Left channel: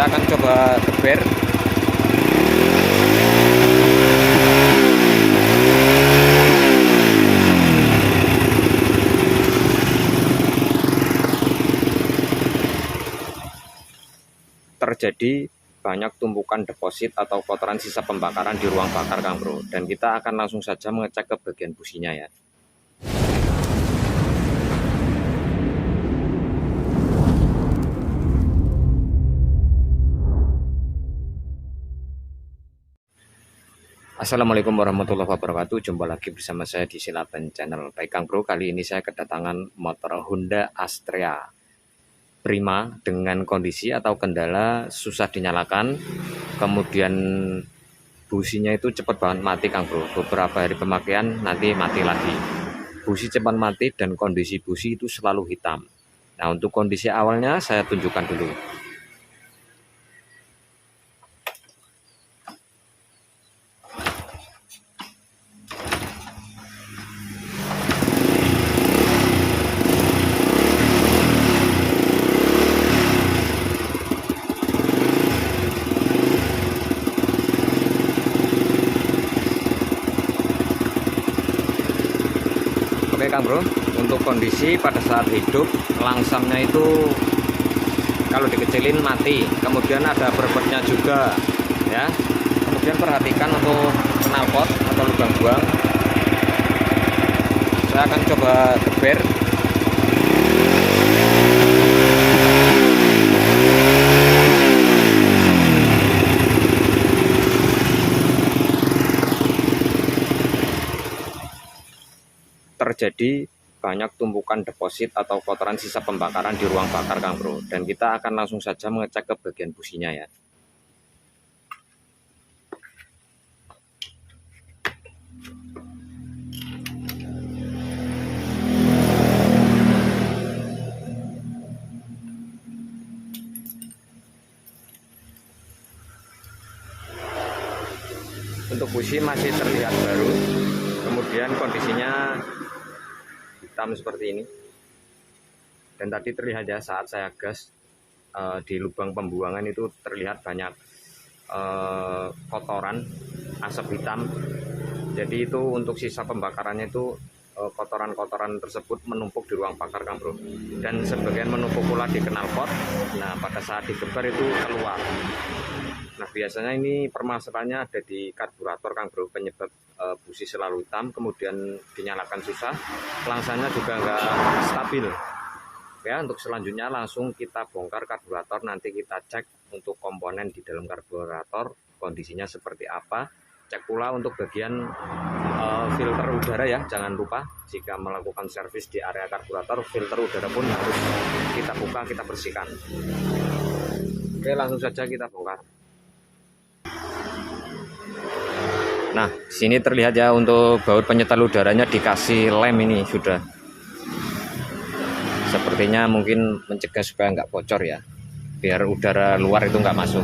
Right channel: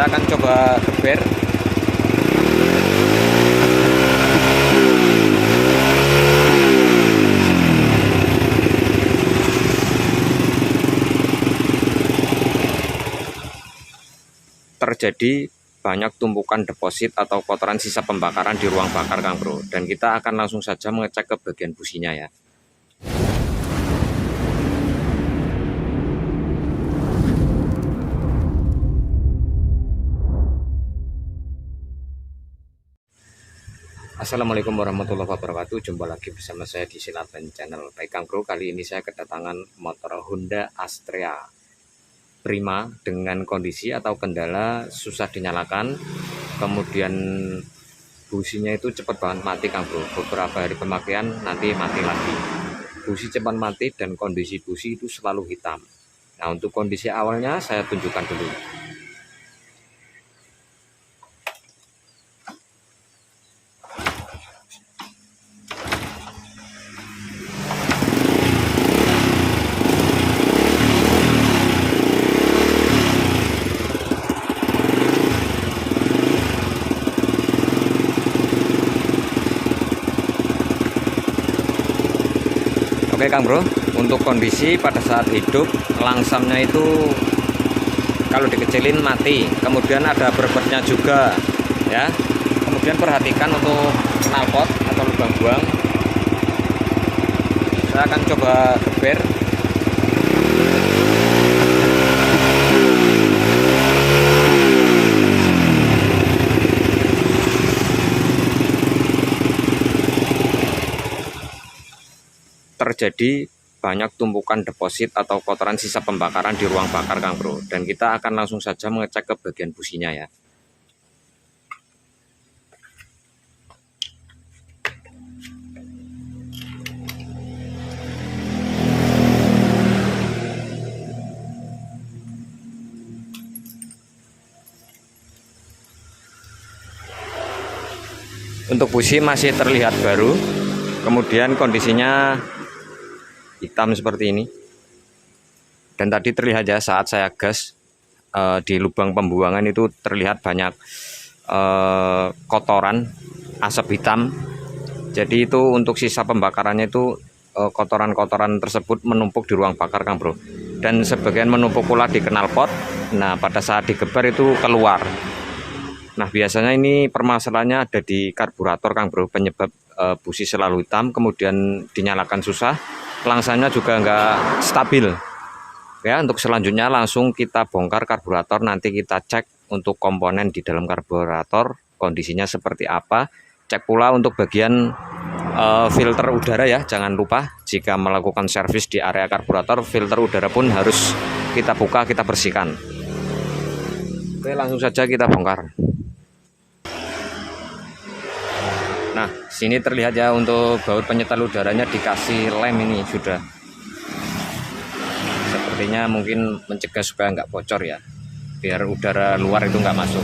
Saya akan coba geber. Terjadi banyak tumpukan deposit atau kotoran sisa pembakaran di ruang bakar, Kang Bro. Dan kita akan langsung saja mengecek ke bagian businya ya. Assalamualaikum warahmatullahi wabarakatuh. Jumpa lagi bersama saya di Silaban Channel. Baik Kang Bro, kali ini saya kedatangan motor Honda Astrea Prima dengan kondisi atau kendala susah dinyalakan. Kemudian businya itu cepat banget mati, Kang Bro. Beberapa hari pemakaian nanti mati lagi. Busi cepat mati dan kondisi busi itu selalu hitam. Nah, untuk kondisi awalnya saya tunjukkan dulu. Oke Kang Bro, untuk kondisi pada saat hidup langsamnya itu kalau dikecilin mati, kemudian ada berbetnya juga ya. Kemudian perhatikan untuk knalpot atau lubang buang. Saya akan coba geber. Terjadi banyak tumpukan deposit atau kotoran sisa pembakaran di ruang bakar, Kang Bro. Dan kita akan langsung saja mengecek ke bagian businya ya. Untuk busi masih terlihat baru, kemudian kondisinya hitam seperti ini. Dan tadi terlihat ya saat saya gas di lubang pembuangan itu terlihat banyak kotoran asap hitam. Jadi itu untuk sisa pembakarannya itu kotoran-kotoran tersebut menumpuk di ruang bakar, Kang Bro. Dan sebagian menumpuk pula di knalpot. Nah, pada saat digeber itu keluar. Nah, biasanya ini permasalahannya ada di karburator, Kang Bro. Penyebab busi selalu hitam, kemudian dinyalakan susah, langsanya juga nggak stabil. Ya, untuk selanjutnya langsung kita bongkar karburator, nanti kita cek untuk komponen di dalam karburator kondisinya seperti apa. Cek pula untuk bagian filter udara ya, jangan lupa jika melakukan servis di area karburator, filter udara pun harus kita buka, kita bersihkan. Oke, langsung saja kita bongkar. Nah, sini terlihat ya untuk baut penyetel udaranya dikasih lem ini sudah. Sepertinya mungkin mencegah supaya nggak bocor ya, biar udara luar itu nggak masuk.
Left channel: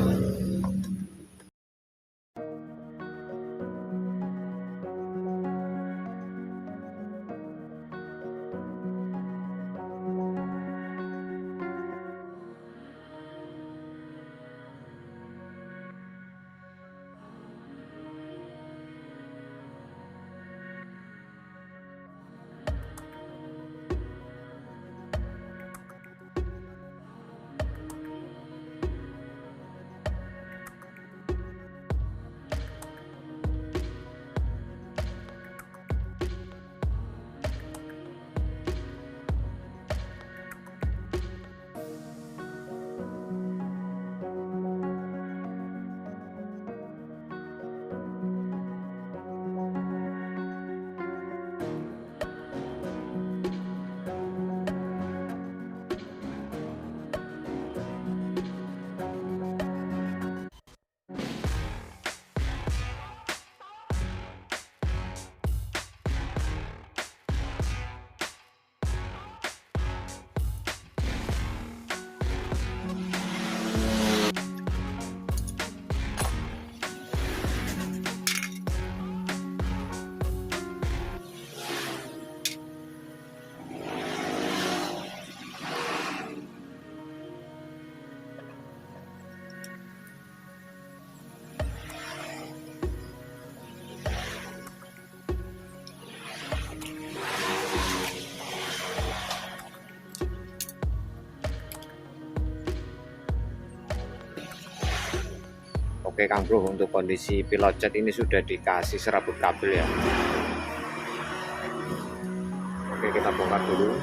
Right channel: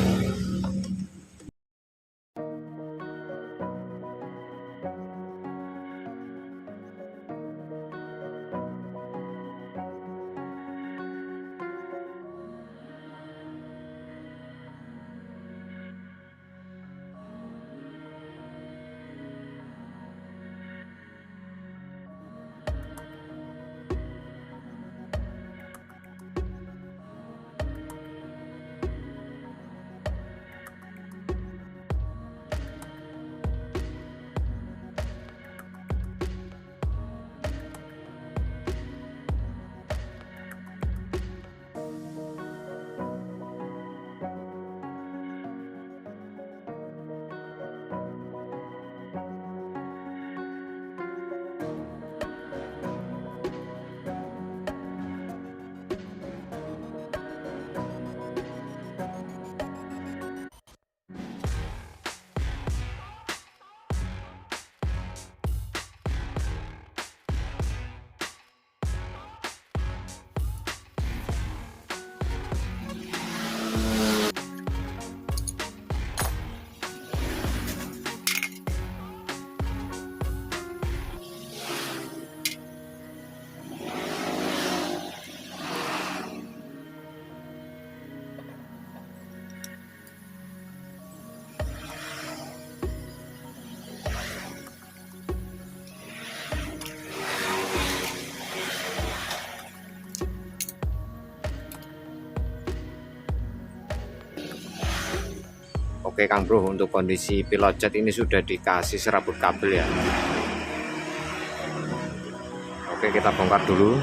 Oke Kang Bro, untuk kondisi pilot jet ini sudah dikasih serabut kabel ya. Oke, kita bongkar dulu.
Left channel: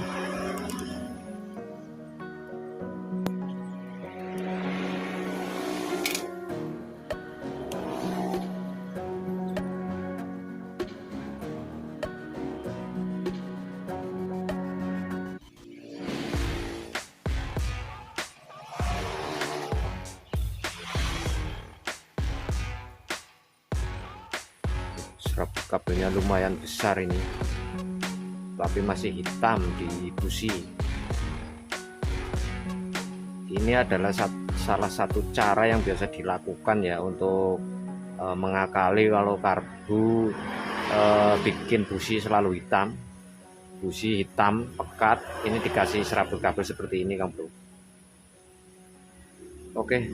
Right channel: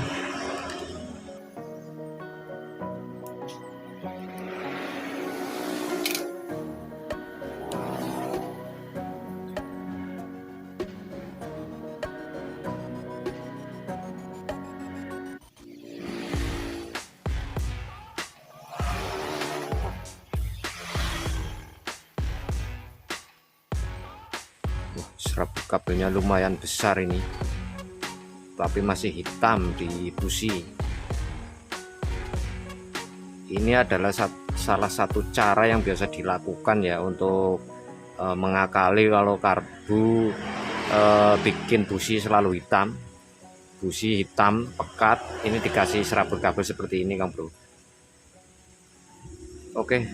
Serabut kabelnya lumayan besar ini, tapi masih hitam di busi. Ini adalah salah satu cara yang biasa dilakukan ya untuk mengakali kalau karbu bikin busi selalu hitam. Busi hitam pekat, ini dikasih serabut kabel seperti ini Kang Bro. Oke,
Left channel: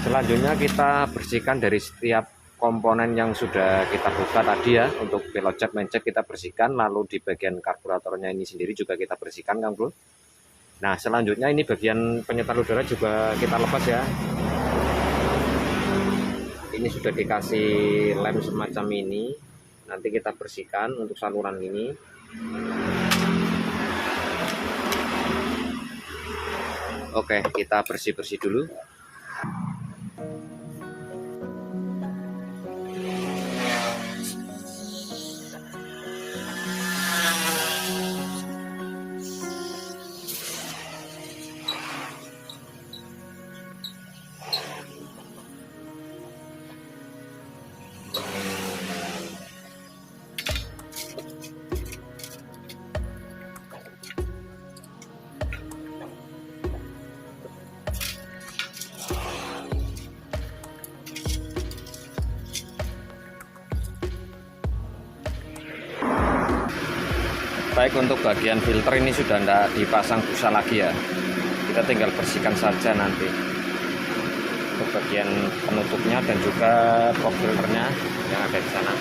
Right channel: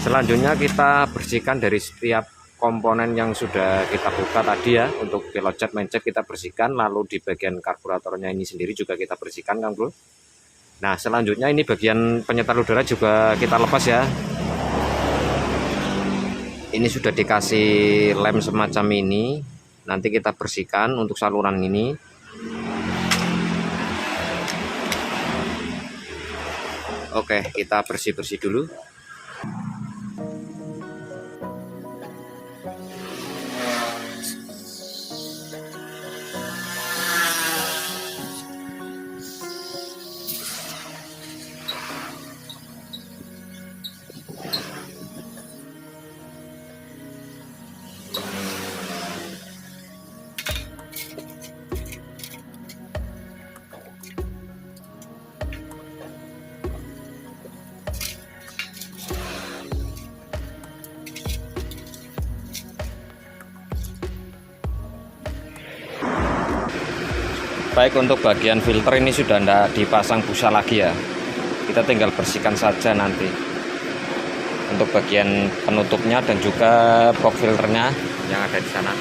selanjutnya kita bersihkan dari setiap komponen yang sudah kita buka tadi ya. Untuk pilot jet, main jet kita bersihkan, lalu di bagian karburatornya ini sendiri juga kita bersihkan Kang Bro. Nah selanjutnya ini bagian penyetar udara juga kita lepas ya. Ini sudah dikasih lem semacam ini, nanti kita bersihkan untuk saluran ini. Oke, kita bersih-bersih dulu. Baik, untuk bagian filter ini sudah tidak dipasang busa lagi ya, kita tinggal bersihkan saja nanti. Untuk bagian penutupnya dan juga box filternya yang ada di sana.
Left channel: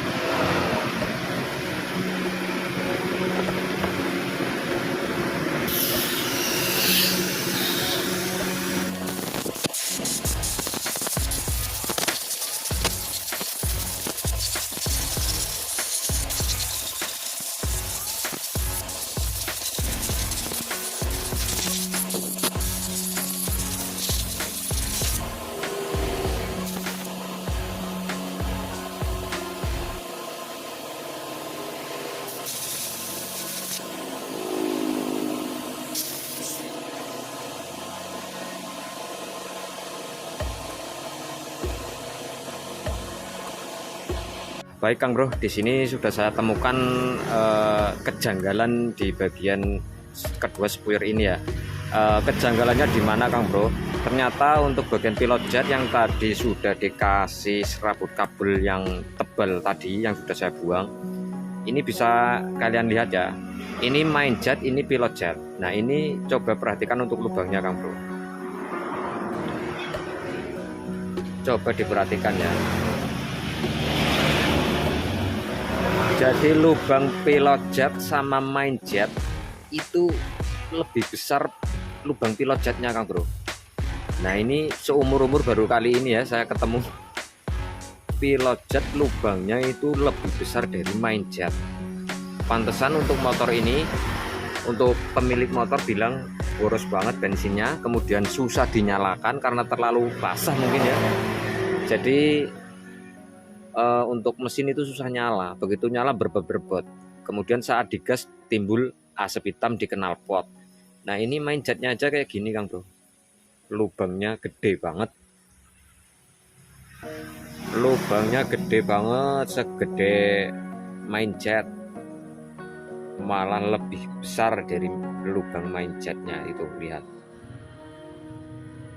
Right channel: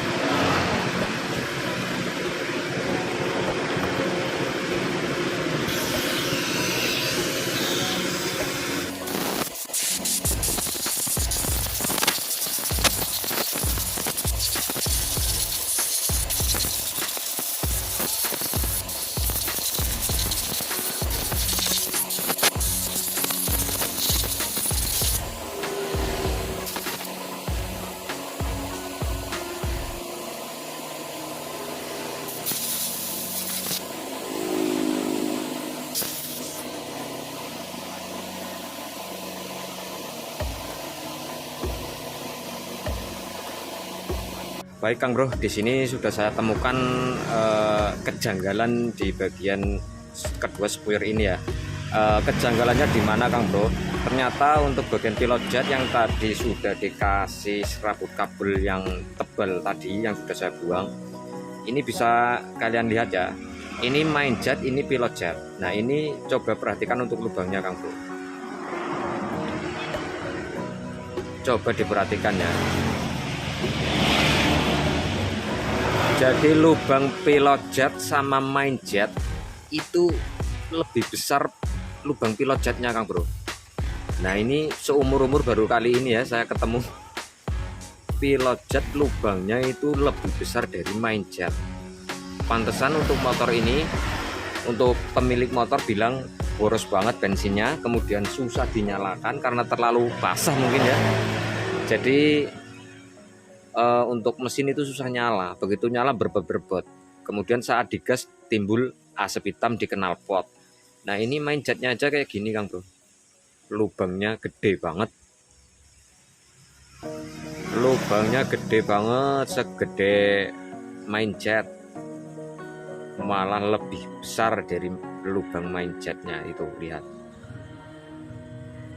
Baik Kang Bro, di sini sudah saya temukan kejanggalan di bagian kedua spuyer ini ya. Kejanggalannya di mana Kang Bro? Ternyata untuk bagian pilot jet yang tadi sudah dikasih serabut kabel yang tebal tadi yang sudah saya buang, ini bisa kalian lihat ya. Ini main jet, ini pilot jet. Nah ini coba perhatikan untuk lubangnya Kang Bro. Coba diperhatikan ya. Jadi lubang pilot jet sama main jet itu lebih besar lubang pilot jetnya Kang Bro. Nah ini seumur-umur baru kali ini ya saya ketemu pilot jet lubangnya itu lebih besar dari main jet. Pantesan untuk motor ini, untuk pemilik motor bilang boros banget bensinnya, kemudian susah dinyalakan karena terlalu basah mungkin ya. Jadi untuk mesin itu susah nyala, begitu nyala berbet-berbet. Kemudian saat digas timbul asap hitam di knalpot. Nah ini main jetnya aja kayak gini Kang Bro, lubangnya gede banget, lubangnya gede banget, segede main jet, malah lebih besar dari lubang main jetnya itu. Lihat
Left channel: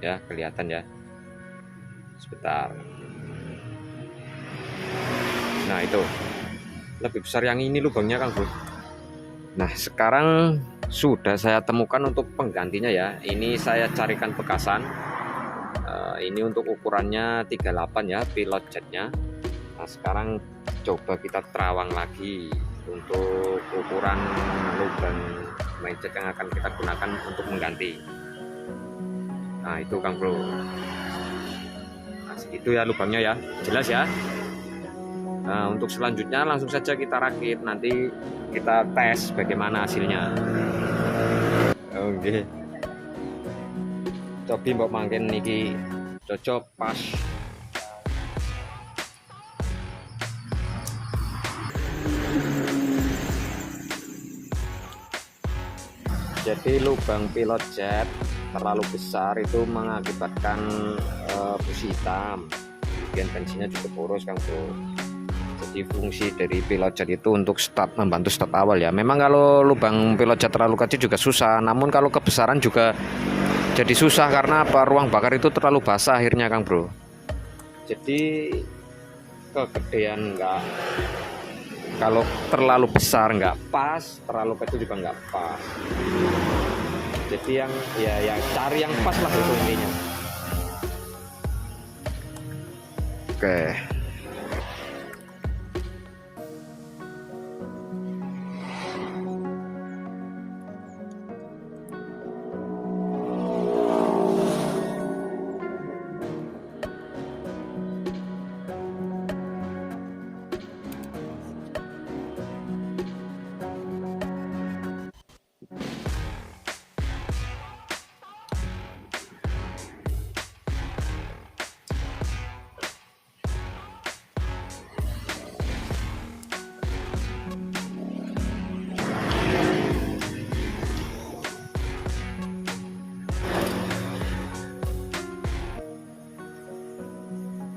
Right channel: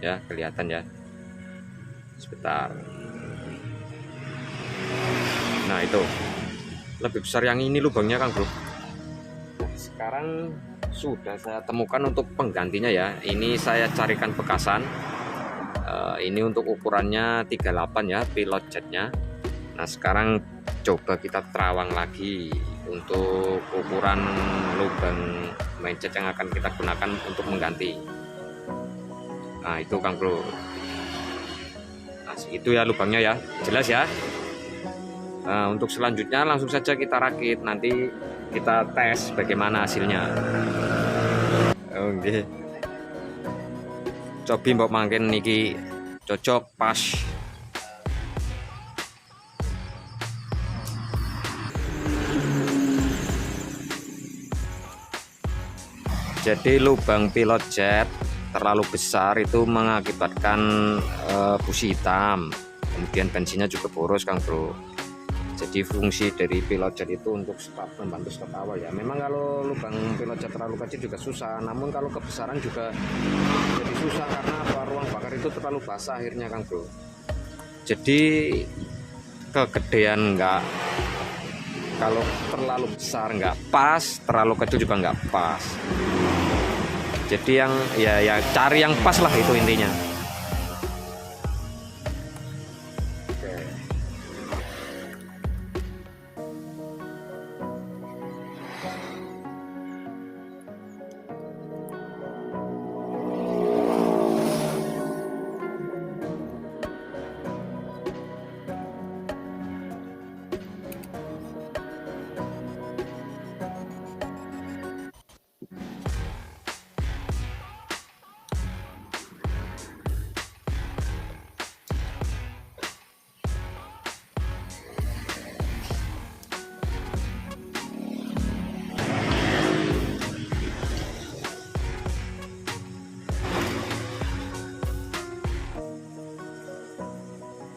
ya, kelihatan ya, sebentar. Nah itu lebih besar yang ini lubangnya Kang Bro. Nah sekarang sudah saya temukan untuk penggantinya ya. Ini saya carikan bekasan. Ini untuk ukurannya 38 ya pilot jetnya. Nah sekarang coba kita terawang lagi untuk ukuran lubang main jet yang akan kita gunakan untuk mengganti. Nah itu Kang Bro. Nah segitu ya lubangnya ya, jelas ya. Nah, untuk selanjutnya langsung saja kita rakit, nanti kita tes bagaimana hasilnya. Oke. Cobi mbok mangken niki cocok pas. Jadi lubang pilot jet terlalu besar itu mengakibatkan busi hitam, kemudian bensinnya juga boros Kang Bro. Jadi fungsi dari pilot jet itu untuk start, membantu start awal ya. Memang kalau lubang pilot jet terlalu kecil juga susah, namun kalau kebesaran juga jadi susah karena apa? Ruang bakar itu terlalu basah akhirnya Kang Bro. Jadi kegedean enggak, kalau terlalu besar nggak pas, terlalu kecil juga nggak pas. Jadi yang ya cari yang pas lah, itu intinya. Oke.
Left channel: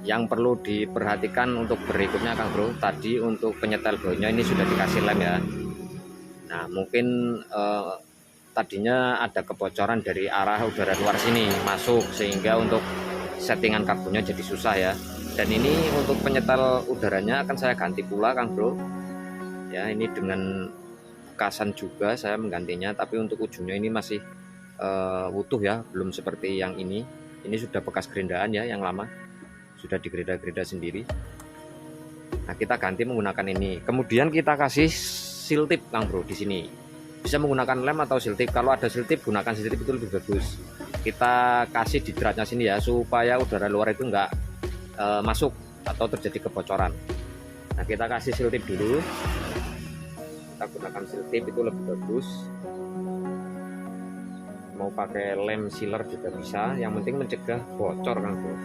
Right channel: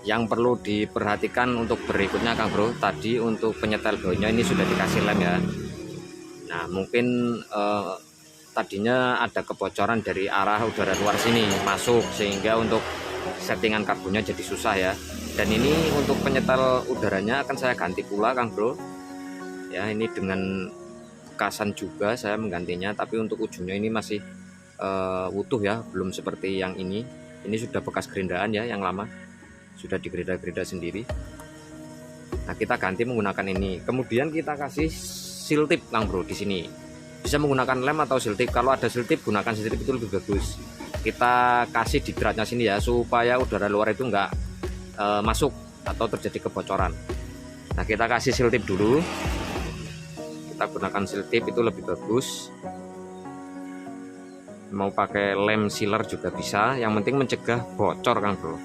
Yang perlu diperhatikan untuk berikutnya Kang Bro, tadi untuk penyetel baunya ini sudah dikasih lem ya. Nah mungkin tadinya ada kebocoran dari arah udara luar sini masuk, sehingga untuk settingan karbonnya jadi susah ya. Dan ini untuk penyetel udaranya akan saya ganti pula Kang Bro ya, ini dengan bekasan juga saya menggantinya, tapi untuk ujungnya ini masih utuh ya, belum seperti yang ini sudah bekas gerindaan ya, yang lama sudah digerida-gerida sendiri. Nah kita ganti menggunakan ini, kemudian kita kasih seal tip Kang Bro di sini. Bisa menggunakan lem atau seal tip, kalau ada seal tip gunakan seal tip, itu lebih bagus. Kita kasih di dratnya sini ya, supaya udara luar itu enggak masuk atau terjadi kebocoran. Nah kita kasih seal tip dulu, kita gunakan seal tip itu lebih bagus. Mau pakai lem sealer juga bisa, yang penting mencegah bocor Kang Bro.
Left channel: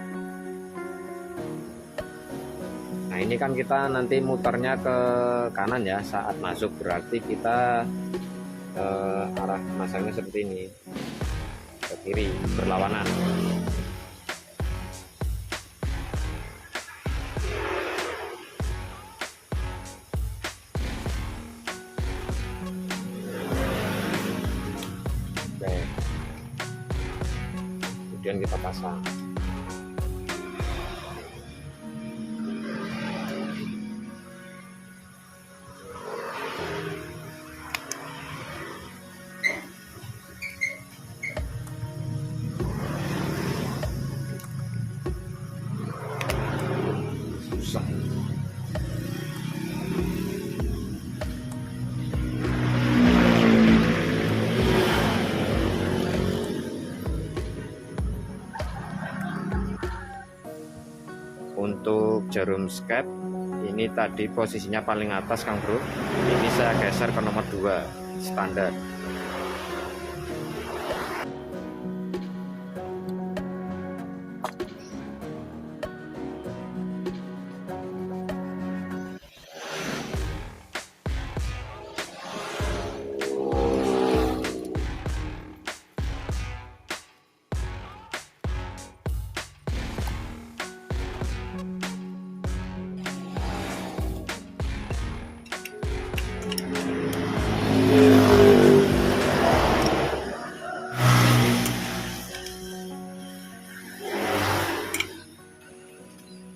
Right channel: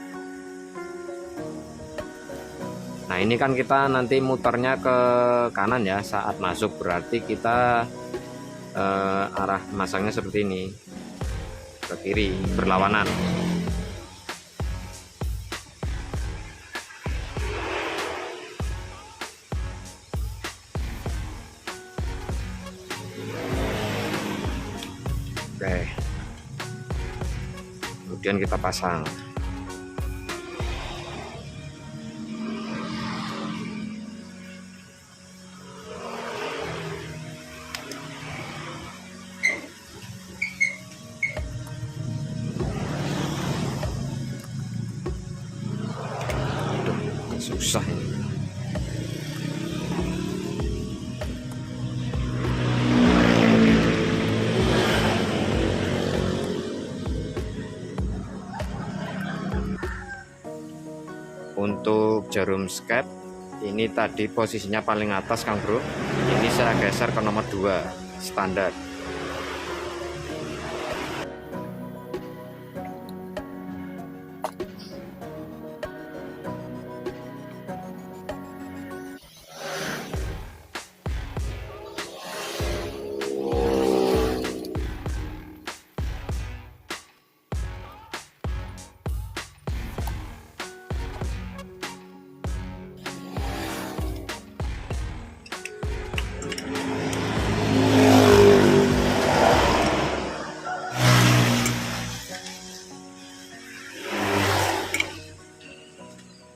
Nah ini kan kita nanti muternya ke kanan ya saat masuk, berarti kita arah masangnya seperti ini, ke kiri berlawanan. Oke, kemudian kita pasang. Susah ini. Untuk jarum skep ini tadi posisinya paling atas Kang Bro, ini saya geser ke nomor 2 standar.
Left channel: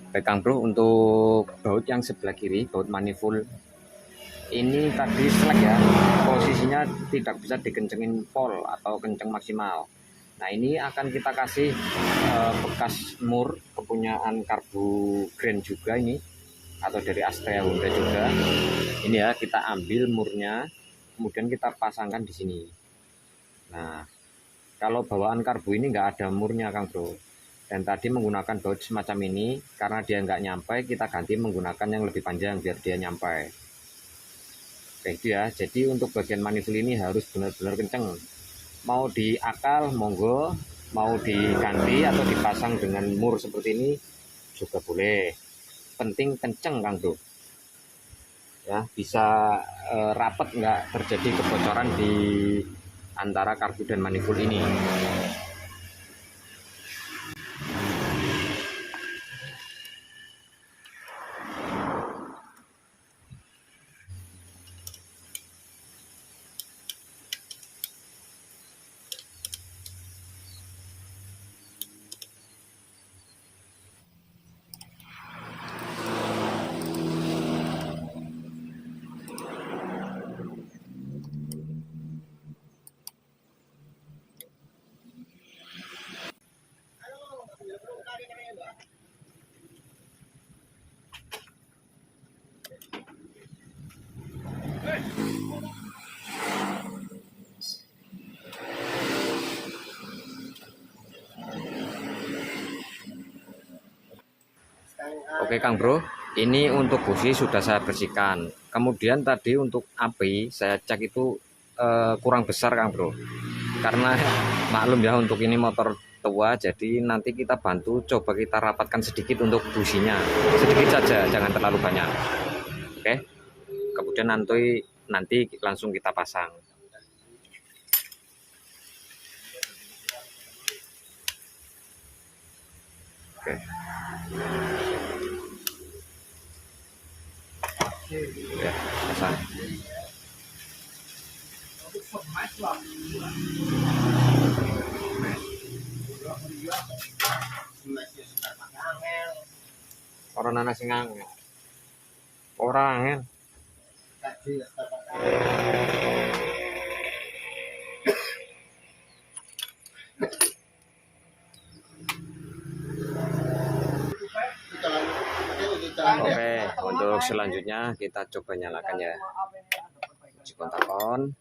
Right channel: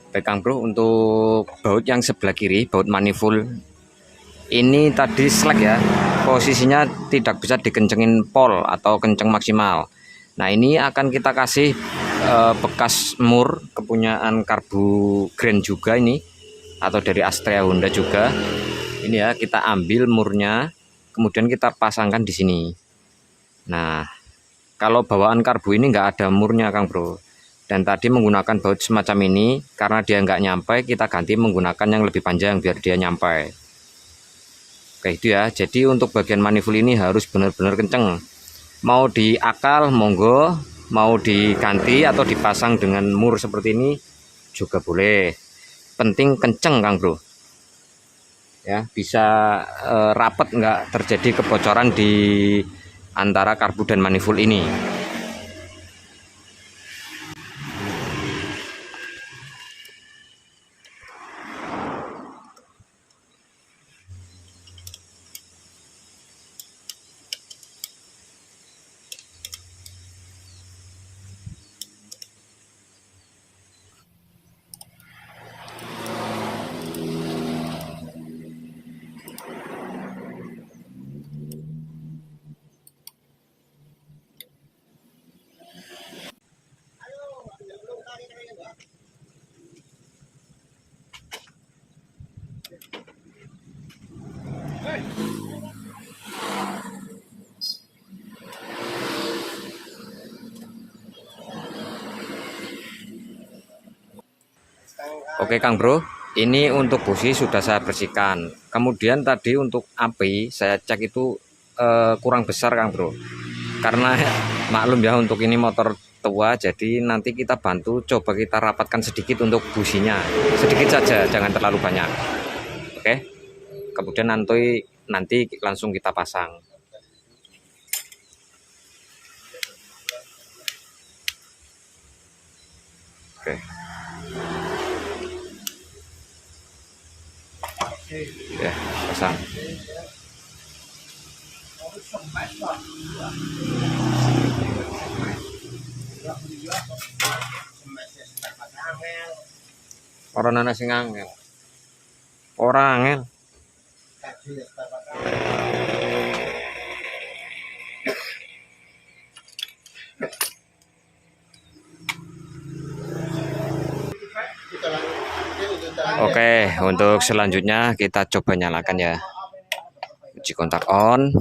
Baik Kang Bro, untuk baut yang sebelah kiri, baut manifold ini tadi slack ya, posisinya tidak bisa dikencengin pol atau kenceng maksimal. Nah ini akan kita kasih bekas mur kepunyaan Karbu Grand juga ini, atau dari Astrea Honda juga. Ini ya, kita ambil murnya, kemudian kita pasangkan di sini. Nah kalau bawaan karbu ini nggak ada murnya Kang Bro, Dan tadi menggunakan baut semacam ini, karena dia nggak nyampe, kita ganti menggunakan yang lebih panjang biar dia nyampe. Oke itu ya. Jadi untuk bagian manifold ini harus benar-benar kenceng. Mau diakal monggo, mau diganti atau dipasang dengan mur seperti ini juga boleh. Penting kenceng Kang Bro. Ya, bisa rapet, nggak terjadi kebocoran di antara karbu dan manifold ini. Oke Kang Bro, ini untuk busi sudah saya bersihkan. Kemudian tadi untuk api saya cek itu kurang besar Kang Bro. Karena maklum ya, untuk ini motor tua, jadi nanti kita bantu coba kita rapatkan sedikit untuk businya. Sedikit saja, jangan terlalu banyak. Oke. Kemudian nanti langsung kita pasang. Oke. Ya, pasang. Orang nana sing angel. Orang angel. Oke, untuk selanjutnya kita coba nyalakan ya. Uji kontak on.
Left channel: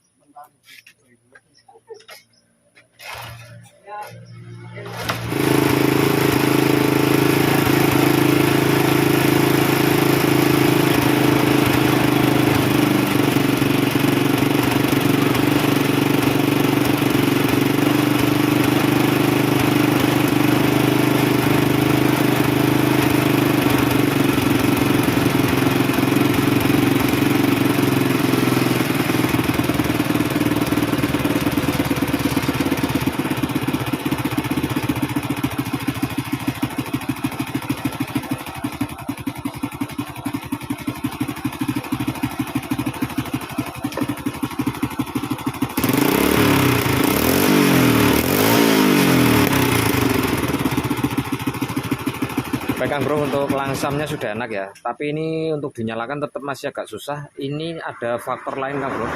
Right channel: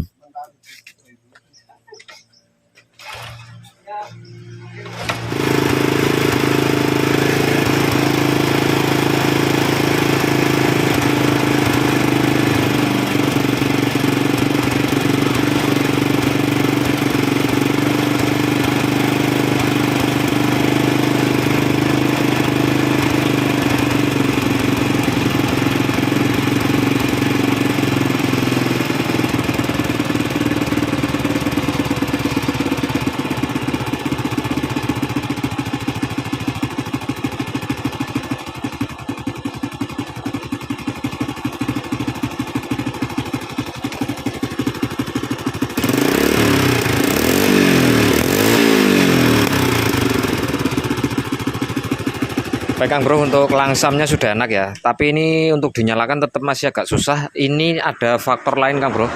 Baik Kang Bro, untuk langsamnya sudah enak ya, tapi ini untuk dinyalakan tetap masih agak susah. Ini ada faktor lain Kang Bro,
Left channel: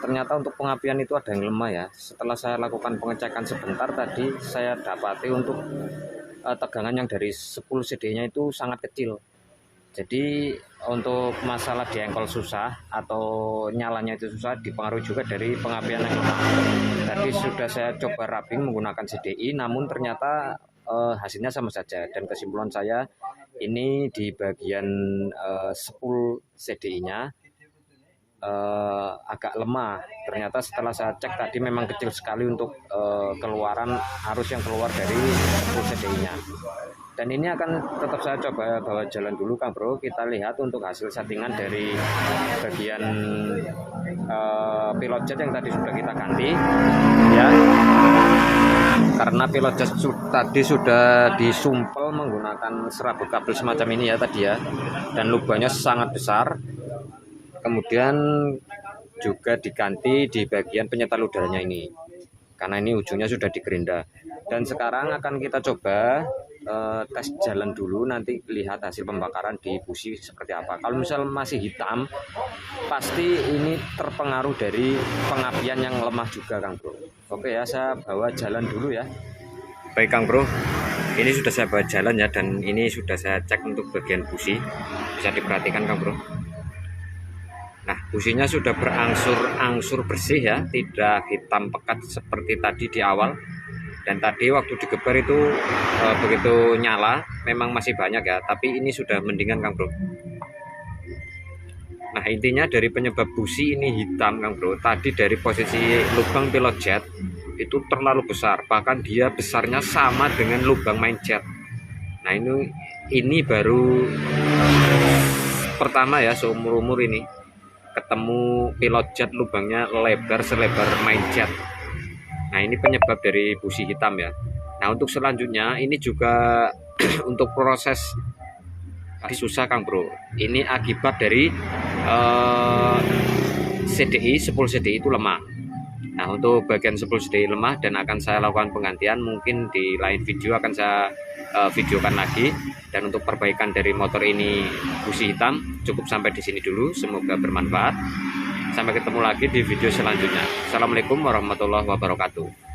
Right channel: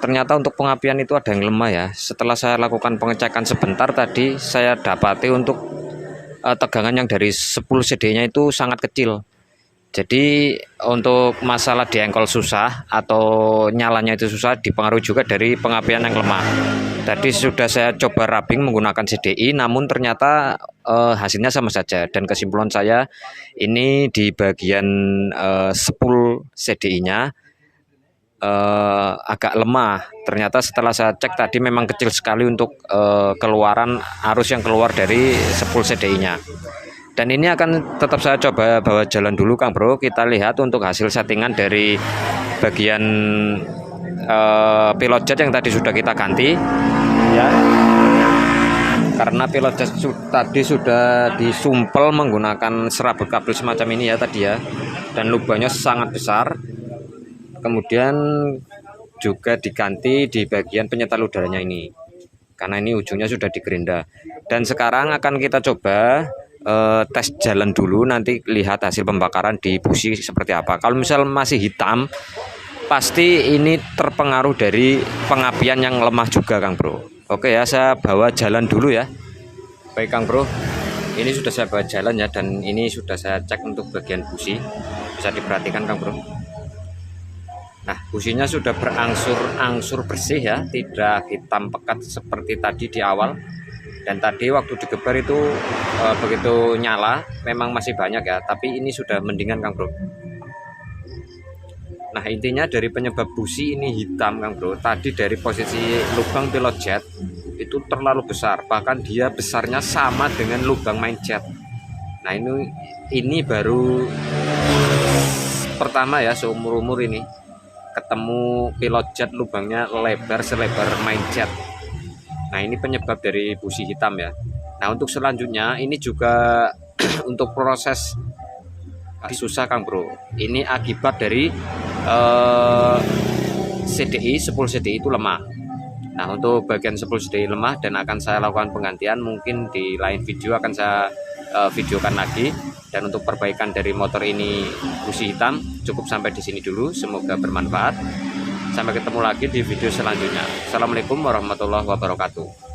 ternyata untuk pengapian itu ada yang lemah ya. Setelah saya lakukan pengecekan sebentar tadi, saya dapati untuk tegangan yang dari 10 CD-nya itu sangat kecil. Jadi untuk masalah diengkol susah atau nyalanya itu susah dipengaruhi juga dari pengapian yang lemah. Tadi sudah saya coba rubbing menggunakan CDI, namun ternyata hasilnya sama saja. Dan kesimpulan saya ini di bagian spool CDI-nya agak lemah. Ternyata setelah saya cek tadi memang kecil sekali untuk keluaran arus yang keluar dari spool CDI-nya. Dan ini akan tetap saya coba bawa jalan dulu Kang Bro. Kita lihat untuk hasil settingan dari bagian pilot jet yang tadi sudah kita ganti ya, karena pilot jet tadi sudah disumpel menggunakan serabut kabel semacam ini ya tadi ya, dan lubangnya sangat besar. Kemudian juga diganti di bagian penyetal udaranya ini, karena ini ujungnya sudah digerinda. Dan sekarang akan kita coba tes jalan dulu, nanti lihat hasil pembakaran di busi seperti apa. Kalau misal masih hitam, pasti ini terpengaruh dari pengapian yang lemah juga Kang Bro. Oke ya, saya bawa jalan dulu ya. Baik Kang Bro, ini sudah saya bawa jalan ya, dan ini sudah saya cek untuk bagian busi. Bisa diperhatikan Kang Bro. Nah, businya sudah berangsur-angsur bersih ya, tidak hitam pekat seperti tadi di awal. Dan tadi waktu digeber itu begitu nyala memang masih banyak ya, tapi ini sudah mendingan Kang Bro. Nah intinya dari penyebab busi ini hitam Kang Bro, tadi dari posisi lubang pilot jet itu terlalu besar, bahkan dia besarnya sama dengan lubang main jet. Nah ini baru pertama ya seumur-umur ini ketemu pilot jet lubangnya lebar selebar main jet. Nah ini penyebab dari busi hitam ya. Nah untuk selanjutnya ini juga untuk proses susah Kang Bro. Ini akibat dari CDI, spool CDI itu lemah. Nah untuk bagian spool CDI lemah dan akan saya lakukan penggantian, mungkin di lain video akan saya videokan lagi. Dan untuk perbaikan dari motor ini busi hitam cukup sampai di sini dulu. Semoga bermanfaat. Sampai ketemu lagi di video selanjutnya. Assalamualaikum warahmatullahi wabarakatuh.